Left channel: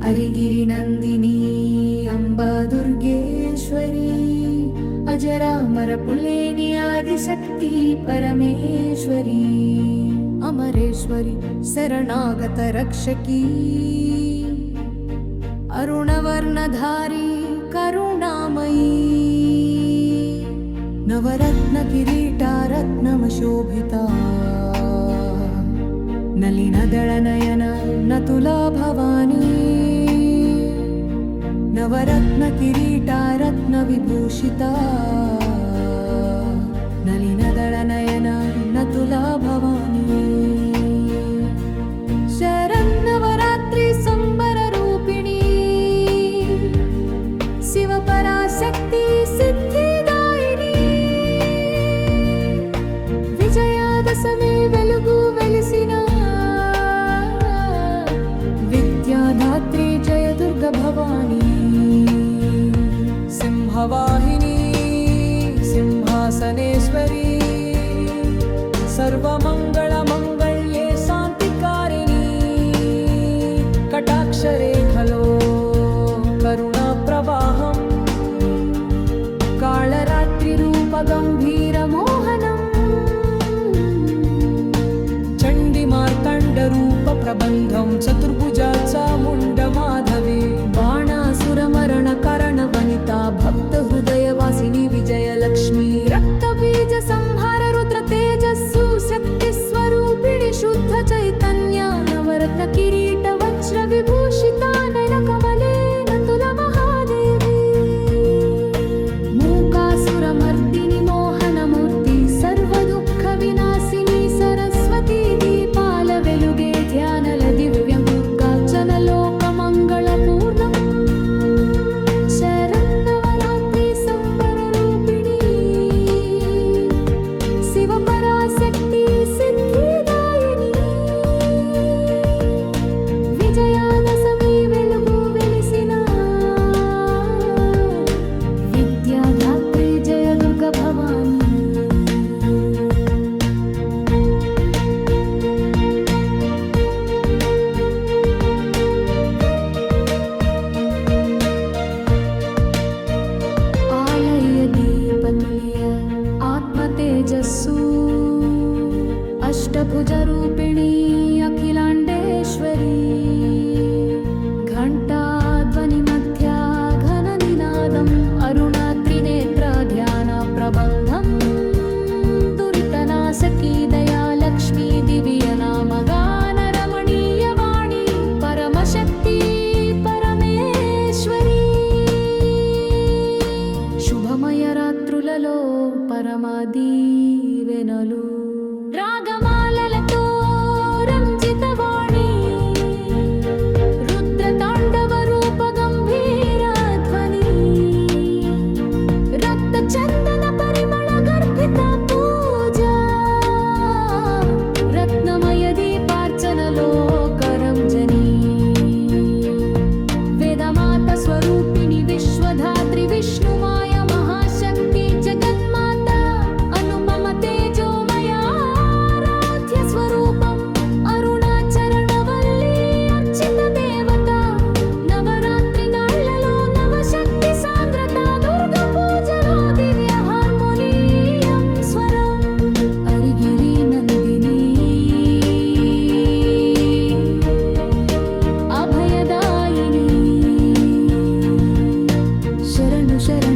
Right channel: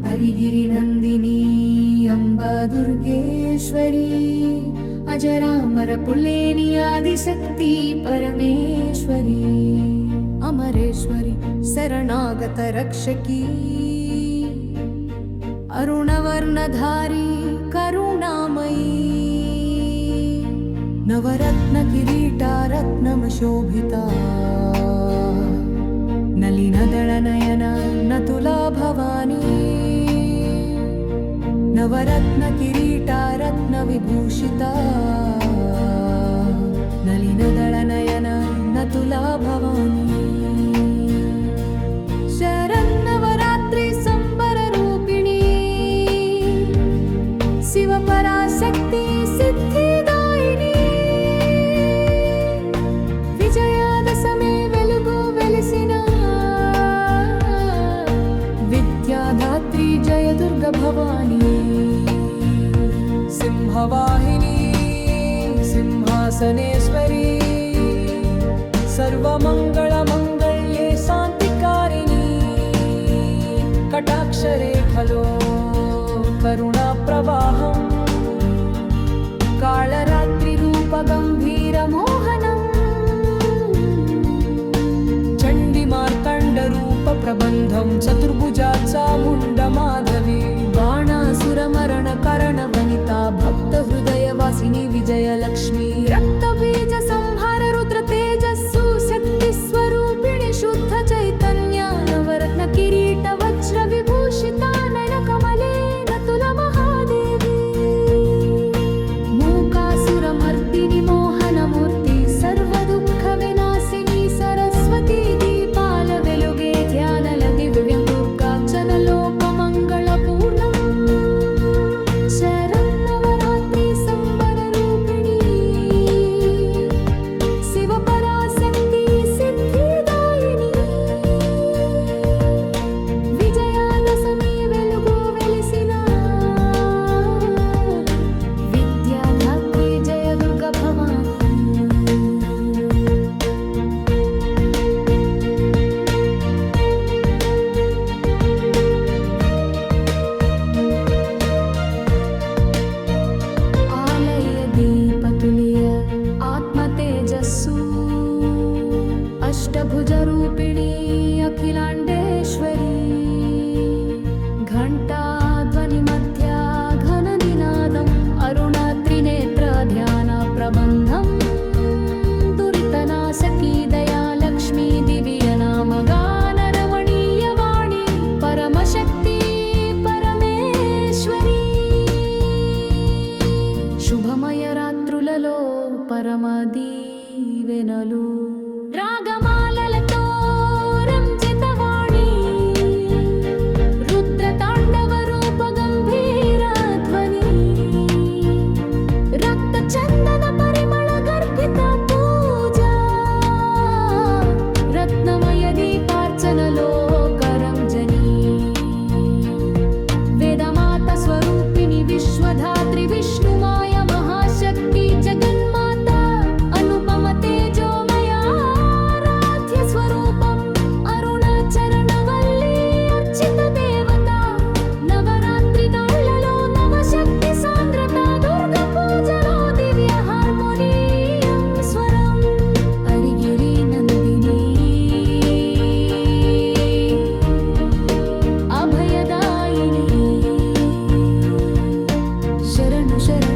हरिगिरिनन्दिनी अम्बा दुर्गेश्वरी अजरामर पुलेनि आदिशक्ति परमेश्वरी अमरेश्वरी शरणागत रक्षकी अरुणवर्णधारी करुणामयी नवरत्न किरीटा रत्नमशोभिता नलिनदळनयन नतुला भवानी नवरत्न किरीटा रत्नविभूषिता नलिनदळनयन नतुला भवानी शरन्नवरात्रि संबररूपिणी शिवपराशक्ति सिद्धिदायिनी विजयादशमी वेलुगु वेलिसिन विद्याधात्री जय दुर्गा भवानी सिंहवाहिनी सिंहासनेश्वरी सर्वमङ्गलमङ्गल्ये शान्तिकारिणी कटाक्षरेखलो करुणाप्रवाहम् कालरात्रिरूपगम्भीरमोहनम् चण्डीमार्तण्डरूपप्रबन्धं चतुर्भुजा चामुण्डमाधवी बाणासुरमरणकरणवनिता भक्तहृदयवासिनी विजयलक्ष्मी रक्तबीजसंहार रुद्रतेजस्सु शक्तिस्वरूपिणि शुद्ध चैतन्या नवरत्न किरीट वज्रविभूषिता नयनकमले नतुला महादेवी मूकासुरमर्दिनि मोहनमूर्ति सर्वदुःखविनाशिनी सरस्वती दीपाल वेलुगे ध्यानल दिव्यं दुर्गार्चन लोकमङ्गलपूर्णम् शरन्नवरात्रि संबररूपिणी शिवपराशक्ति सिद्धिदायिनी विजयादशमी वेलुगु वेलिसिन विद्याधात्री जय दुर्गा भवानी दीपतुल्य आत्मतेजस्सु अष्टभुजरूपिणी अखिलाण्डेश्वरी घण्टाध्वनिमध्या घननिनादम् अरुणत्रिनेत्रध्यानप्रबन्धम् दुरितनाशकी दया लक्ष्मी दिव्यनामगानरमणीयवाणी परमशक्ति परमेश्वरी శుభమయ రాత్రులలో పరమదీవెనలు రాగమాలలతో రంజితవాణి రుద్రతాండవ రూప గంభీర ధ్వని రక్త చందన పరిమళ గర్భిత పూజ రత్నమయ దీపార్చనలో కరంజని వేదమాత స్వరూపిణి విశ్వధాత్రి విష్ణుమాయ महाशक्ति जगन्माता अनुपम तेजोमया आराध्य स्वरूपम् अरुणाचरणवल्ली अर्चित देवता नवरात्रि नाళ్లలో नवशक्ति सान्द्रता दुर्गा पूजलो दिव्य हार्मोनियम स्वरम् हरिगिरि नन्दिनी अभयदायिनी शरणु शरण